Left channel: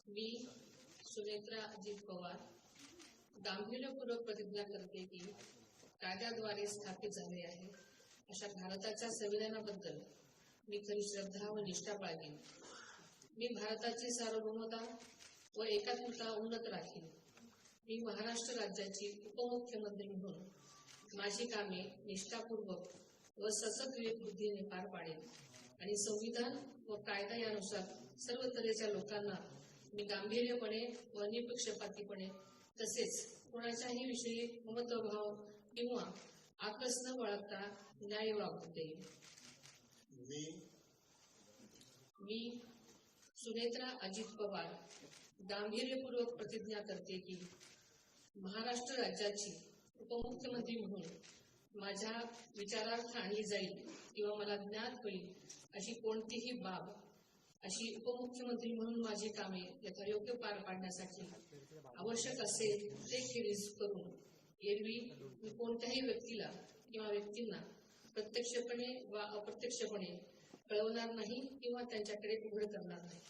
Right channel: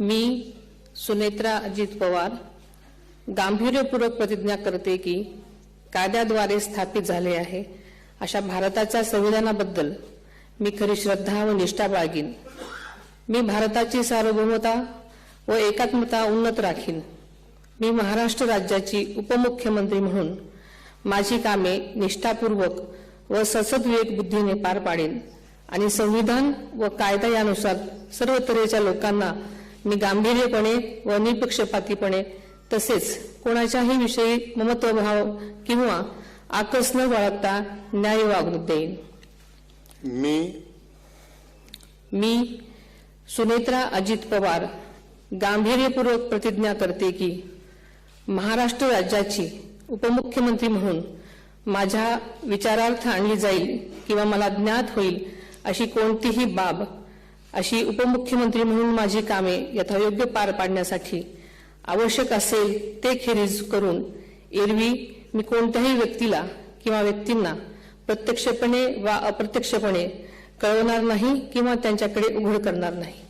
मी सुनेत्रा अजित पवार गांभीर्यपूर्वक प्रतिज्ञा करते की कायद्याद्वारे स्थापित झाले आहे अशा भारताच्या संविधानाबद्दल मी खरी श्रद्धा व निष्ठा बाळगीन। मी भारताची सार्वभौमता व एकात्मता उन्नत राखीन। मी महाराष्ट्र राज्याची उपमुख्यमंत्री म्हणून माझी कामे निष्ठापूर्वक व सद्विवेक बुद्धीने पार पाडेन आणि संविधान व कायदा यानुसार सर्व तऱ्हेच्या लोकांना मी गांभीर्यपणे व निपक्षपातीपणे तसेच कोणाच्याही विषयी ममत्वभाव किंवा आकस न बाळगता न्याय वागणूक देईन। मी सुनेत्रा अजित पवार गांभीर्यपूर्वक प्रतिज्ञा करते की महाराष्ट्र राज्याची उपमुख्यमंत्री म्हणून माझ्या विचारार्थ आणली जाईल किंवा मला ज्ञात होईल अशी कोणतीही बाब अशी उपमुख्यमंत्री म्हणून माझी कामे यथायोग्य पार पाडण्यासाठी आवश्यक असेल ते खेरीज करून एरवी मी कोणत्याही व्यक्तीला किंवा व्यक्तींना प्रत्यक्षपणे वा अप्रत्यक्षपणे कळवणार नाही किंवा त्यांच्याकडे उघड करणार नाही।